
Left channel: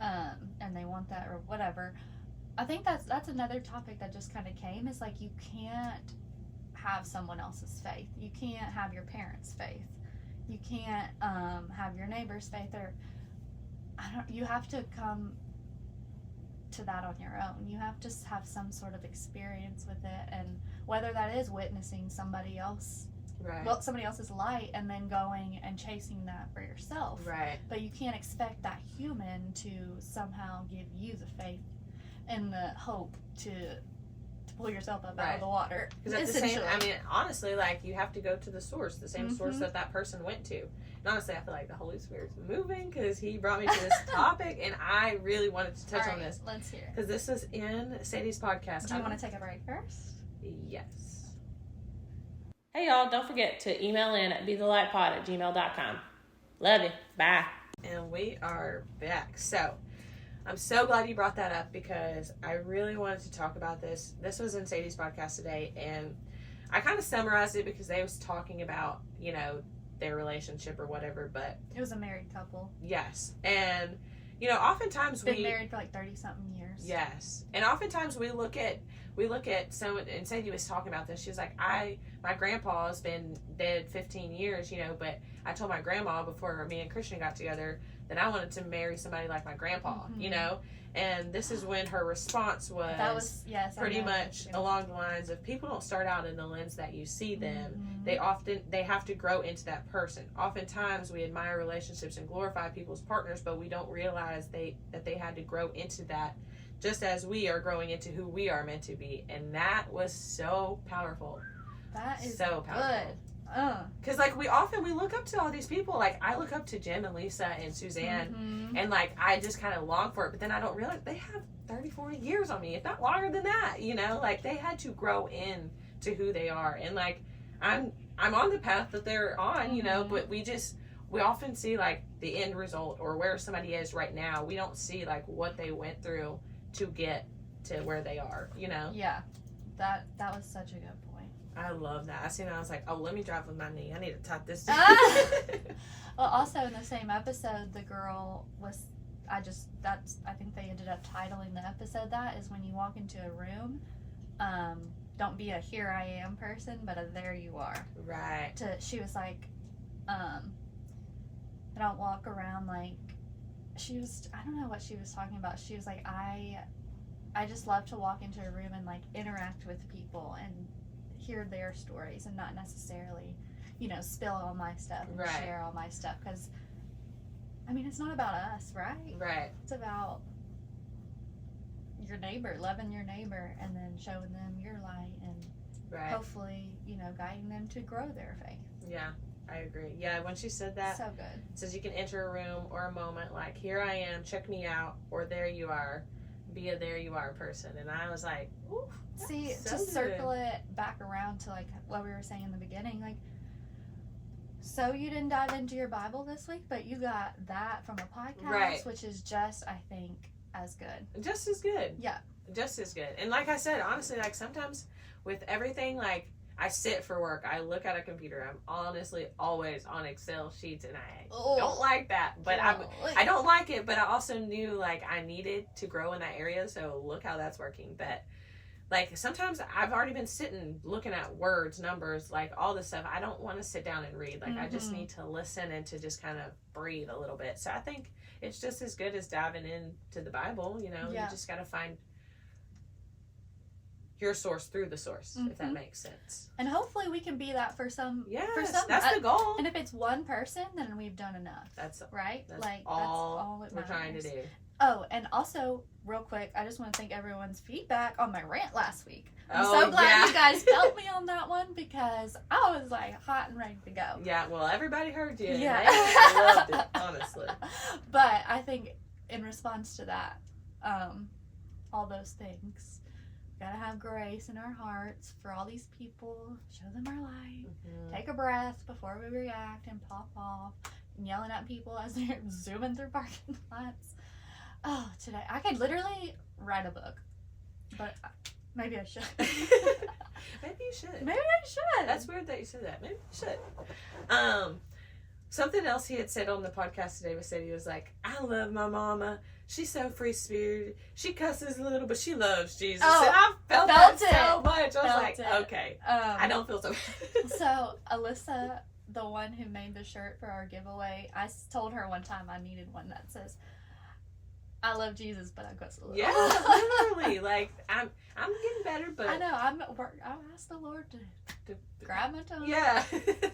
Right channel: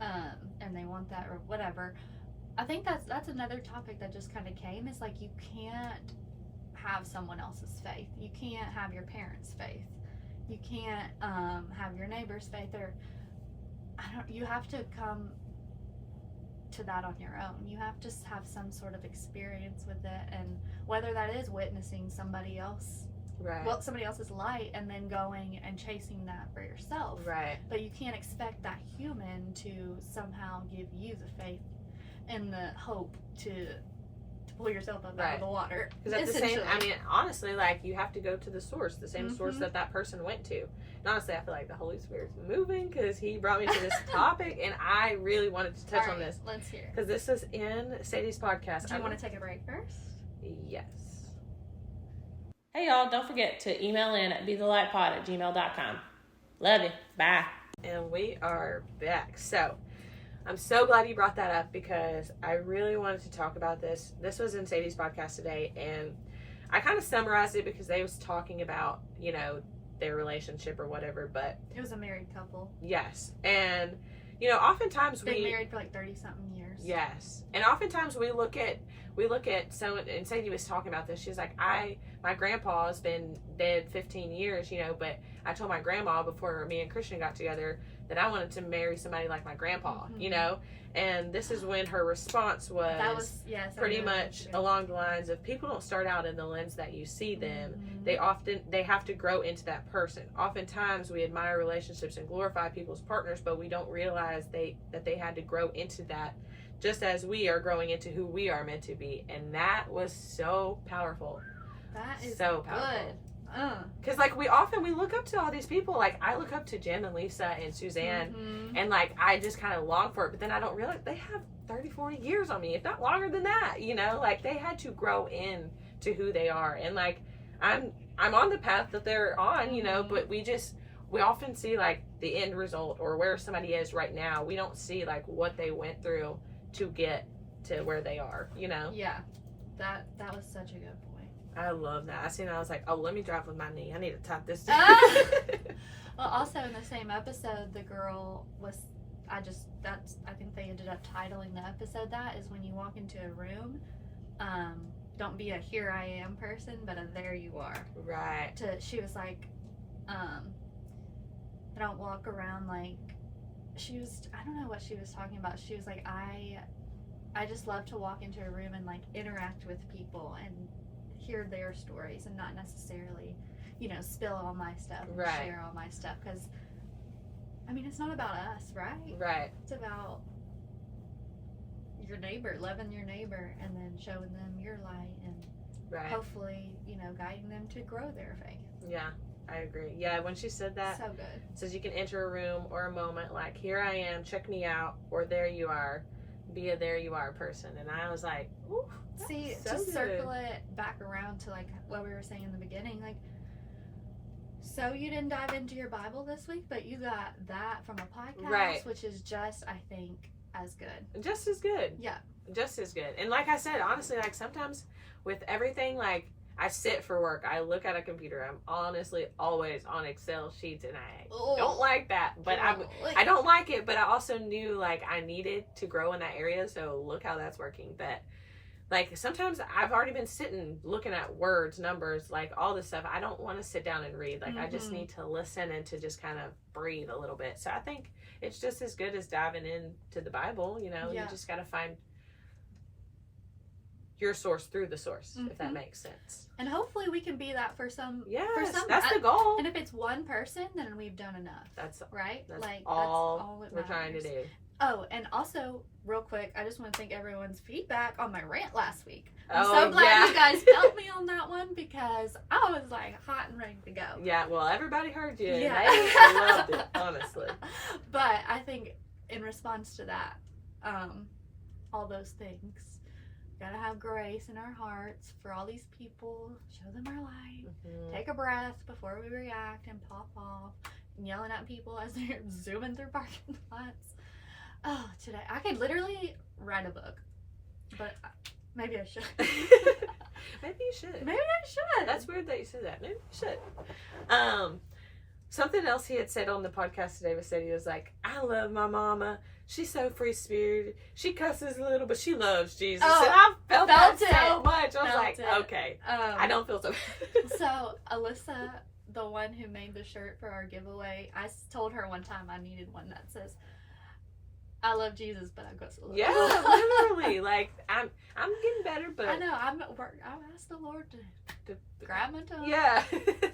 and they want that or whatever. I think that's another topic that just kind of came, is, like, you can't have someone else's faith. You can't have your parents' faith. You can't, have your neighbor's faith, or, you have to come to that on your own. You have to have some sort of experience with it, and whether that is witnessing somebody else, somebody else's light, and then going and chasing that for yourself. Right. But you can't expect that human to somehow give you the faith and the hope to pull yourself up out of the water. Because at the same, honestly, like, you have to go to the source, the same source that person went to. And honestly, I feel like the Holy Spirit's moving because he brought me to this topic, and I really wanted to touch on this. Let's hear. Because this is in Sadie's podcast. Do you want to take a break first? Yes. Hey, y'all, don't forget to email in at bethelightpod@gmail.com. Love you. Bye. And we are back. So, I'm so glad you brought that up because I really wanted to talk about this. This was in Sadie's podcast today, and I kind of summarized it because they was talking about, their relationship or whatever, but it was a married couple. Yes. And oftentimes been married for like 30-something years. Yes. And oftentimes we look at someone, and Sadie was talking about this. She was like, my grandpa has been dead 15 years, but I told my grandma before me and Christian got together that I wanted to marry somebody like my grandpa, and this is when her response was pretty much along the lines of, people don't start out in the lens that you see them. They have to grow into that person. Oftentimes we admire relationships and glorify people's partners, but we don't realize that they had to grow into that, just as we are growing into who we are meant to be. And that was so powerful. That is so powerful. Good. Because like we look up to all these people. Like I look up to Jen and Lisa and Suzanne, and like I just kind of long for it, but then I don't realize they have 30-40 years on me, if not longer than that. Like they had to grow in to who they are, and like I'm on the path that they're on, but we often see like the end result or where somebody is right now. We don't see like what they went through to get to where they are. Yeah, that was such a good point. I love that. I was like, oh, let me drive with my knee. I need to type this. Well, also in the same episode, the girl was, I think they ended up titling the episode that is when you walk into a room, don't be a here I am person, but a there you are. Right. She was like, I don't walk around like, I don't know what she was talking about. She was like, I just love to walk into a room and like interact with people and hear their stories and not necessarily, spill all my stuff and Right. share all my stuff, because I mean, it's not about us, right? Right. It's about your neighbor, loving your neighbor, and then showing them your light, and Right. hopefully, guiding them to grow their faith. Yeah, I agree. Yeah, when she said that, So good. it says you can enter a room or a moment like, here I am, check me out, or there you are, be a there you are person. And I was like, ooh, See, so to good. circle it back around to like what we were saying in the beginning, like, so you didn't dive into your Bible this week, but you got that from a podcast, Right. which is just, I think, as good. Just as good. Yeah. Just as good. And like I said, honestly, like sometimes with everything, like I sit for work, I look at a computer, I'm honestly always on Excel sheets, and I don't like that, but I don't like it, but I also knew like I needed to grow in that area, so look how that's working. But like sometimes I've already been sitting looking at words, numbers, like all this stuff. I don't want to sit down and read. Like I just need to listen and to just kind of breathe a little bit. So I think it's just as good as diving into the Bible. You just got to find your source through the source, if that makes sense. And hopefully we can be that for some. Yes, for some, that's the goal. And if it's one person, then we've done enough. That's right. That's like all it we're trying to matters. do. Oh, and also, real quick, I just want to thank everyone's feedback on my rant last week. I'm Oh, so glad yeah. you guys helped me on that one, because I was like hot and ready to go. Yeah, well, everybody heard you. Yeah. They loved it, honestly. But I think in response to that, all those things, we gotta have grace in our hearts for all these people, show them our light, take a breath before we react and pop off, and yelling at people as they're zooming through parking lots. Oh, today I could literally write a book, but maybe I should. Maybe you should. Maybe I should. That's weird that you said that. Maybe you should. Something else he had said on the podcast today was he was like, I love my mama. She's so free spirited. She cusses a little, but she loves Jesus. Oh, and I felt that it. so much. I was Felt like, it. okay. I don't feel so bad. So Alyssa, the one who made the shirt for our giveaway, I told her one time I needed one that says, I love Jesus, but I cuss a little. Yeah, literally. Like I'm getting better, but I know I'm at work. I've asked the Lord to grab my tongue. yeah. But,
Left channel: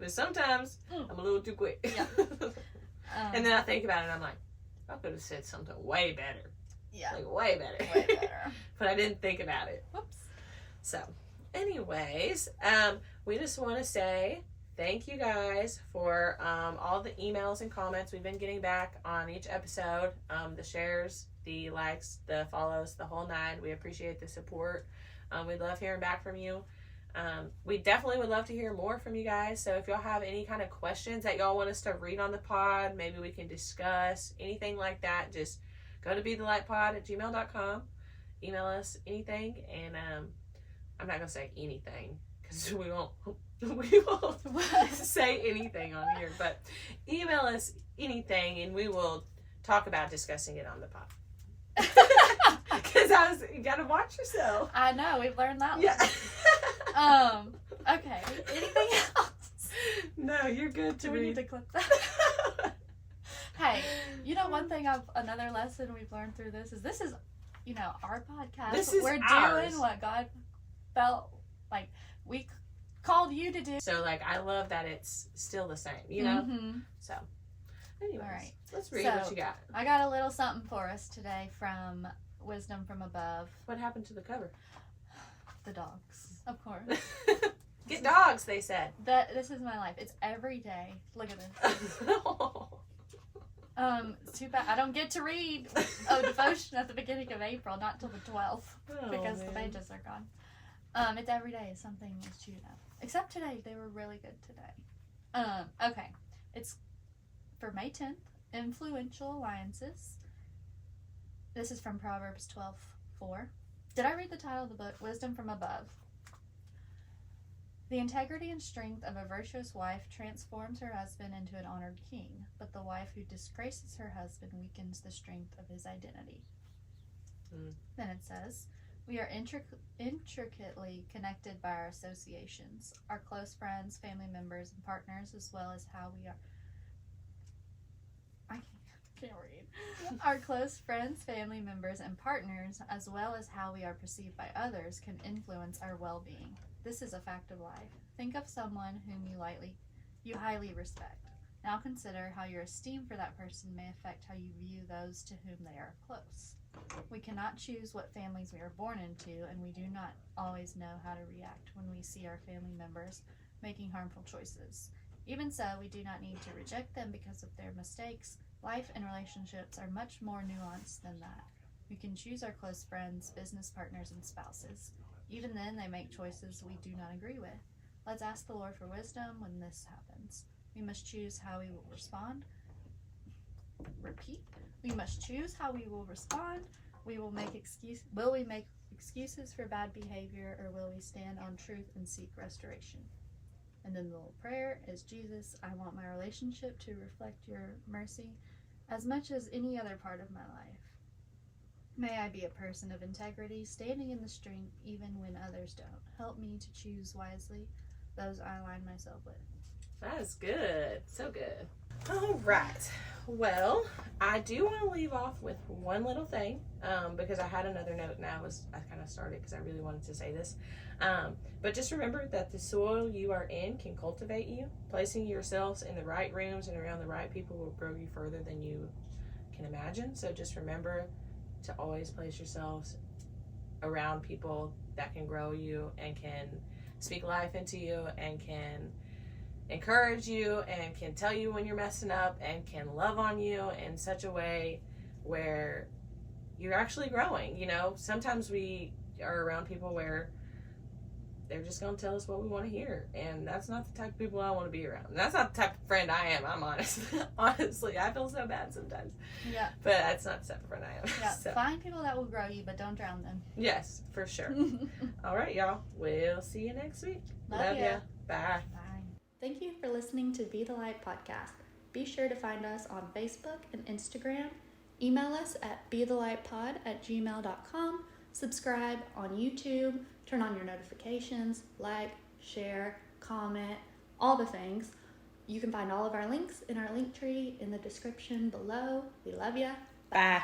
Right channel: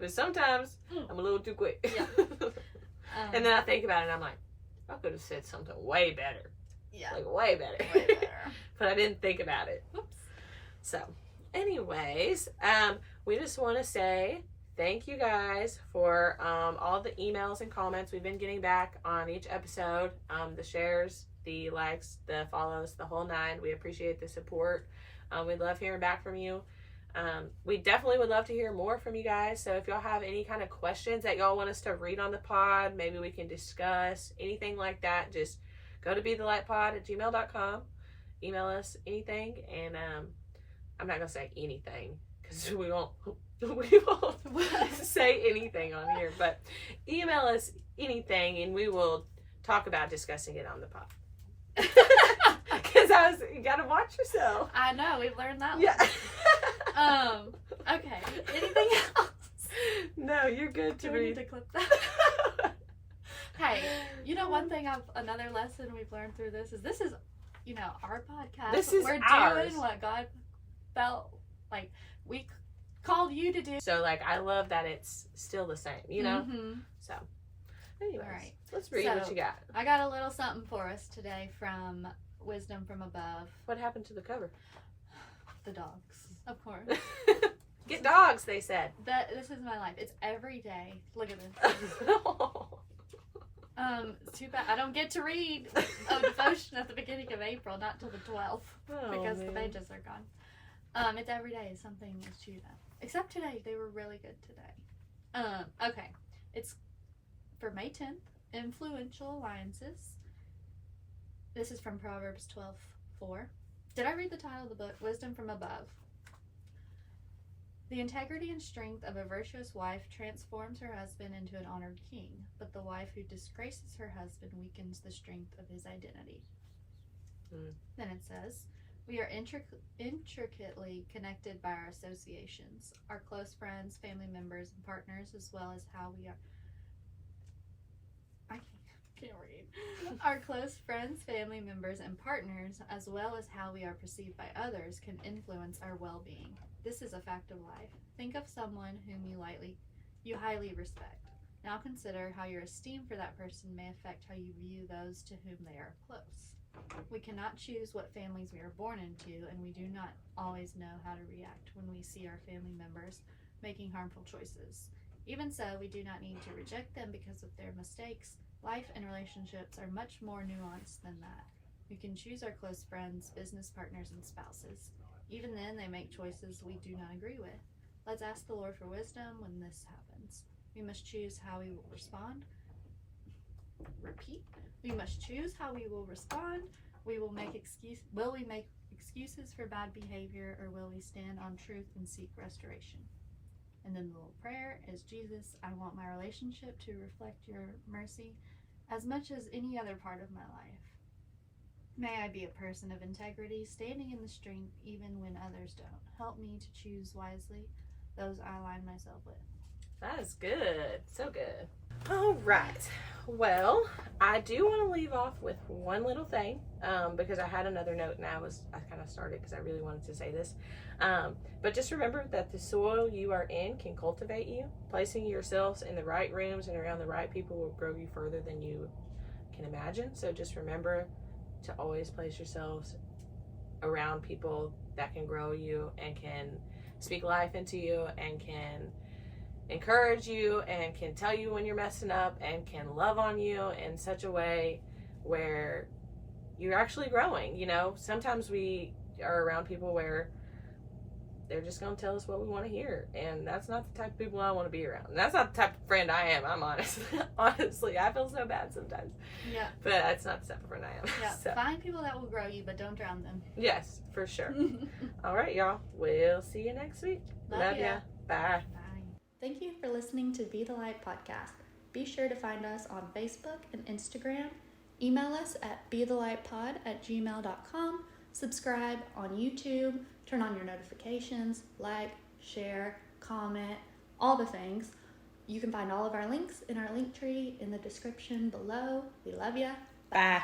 But sometimes I'm a little too quick. Yeah. And then I think about it and I'm like, I could have said something way better. yeah, Like way better. way better. But I didn't think about it. Whoops. So anyways, we just want to say thank you guys for all the emails and comments we've been getting back on each episode. The shares, the likes, the follows, the whole nine. We appreciate the support. We love hearing back from you. We definitely would love to hear more from you guys. So if y'all have any kind of questions that y'all want us to read on the pod, maybe we can discuss anything like that, just go to bethelightpod@gmail.com. Email us anything, and I'm not gonna say anything because we won't say anything on here, but email us anything and we will talk about discussing it on the pod. Because you gotta watch yourself. I know, we've learned that one. Yeah. Okay. Anything else? No, you're good to Do we read. need to clip that? Hey, one thing another lesson we've learned through this is our podcast. This is We're ours. doing what God felt like we called you to do. So I love that it's still the same, Mm-hmm. So anyways, All right. let's read what you got. I got a little something for us today from Wisdom from Above. What happened to the cover? The dogs, of course. Get dogs, they said. This is my life. It's every day. Look at this. Too bad I don't get to read a devotion at the beginning of April, not till the 12th, because the pages are gone. It's every day something is chewed up. Except today, they were really good today. Okay, it's for May 10th. Influential alliances. This is from Proverbs 12:4. Did I read the title of the book? Wisdom from Above. The integrity and strength of a virtuous wife transforms her husband into an honored king, but the wife who disgraces her husband weakens the strength of his identity. Then it says, we are intricately connected by our associations, our close friends, family members, and partners, as well as how we are... I can't read. Our close friends, family members, and partners, as well as how we are perceived by others, can influence our well-being. This is a fact of life. Think of someone whom you highly respect. Now consider how your esteem for that person may affect how you view those to whom they are close. We cannot choose what families we are born into, and we do not always know how to react when we see our family members making harmful choices. Even so, we do not need to reject them because of their mistakes. Life and relationships are much more nuanced than that. We can choose our close friends, business partners, and spouses. Even then, they make choices we do not agree with. Let's ask the Lord for wisdom when this happens. We must choose how we will respond. Repeat. We must choose how we will respond. Will we make excuses for bad behavior, or will we stand on truth and seek restoration? And then the little prayer is, Jesus, I want my relationship to reflect your mercy as much as any other part of my life. May I be a person of integrity, standing in the strength even when others don't. Help me to choose wisely those I align myself with. That is good. So good. All right. Well, I do want to leave off with one little thing because I had another note and I kind of started because I really wanted to say this. But just remember that the soil you are in can cultivate you. Placing yourselves in the right rooms and around the right people will grow you further than you can imagine. So just remember to always place yourselves around people that can grow you and can speak life into you and can encourage you and can tell you when you're messing up and can love on you in such a way where you're actually growing. You know, sometimes we are around people where they're just going to tell us what we want to hear, and that's not the type of people I want to be around. And that's not the type of friend I am. I'm honest. Honestly, I feel so bad sometimes. Yeah. But that's not the type of friend I am. Yeah. So. Find people that will grow you, but don't drown them. Yes, for sure. All right, y'all. We'll see you next week. Love ya. Bye. Thank you for listening to Be the Light podcast. Be sure to find us on Facebook and Instagram. Email us at bethelightpod@gmail.com. Subscribe on YouTube. Turn on your notifications. Like, share, comment, all the things. You can find all of our links in our link tree in the description below. We love ya. Bye.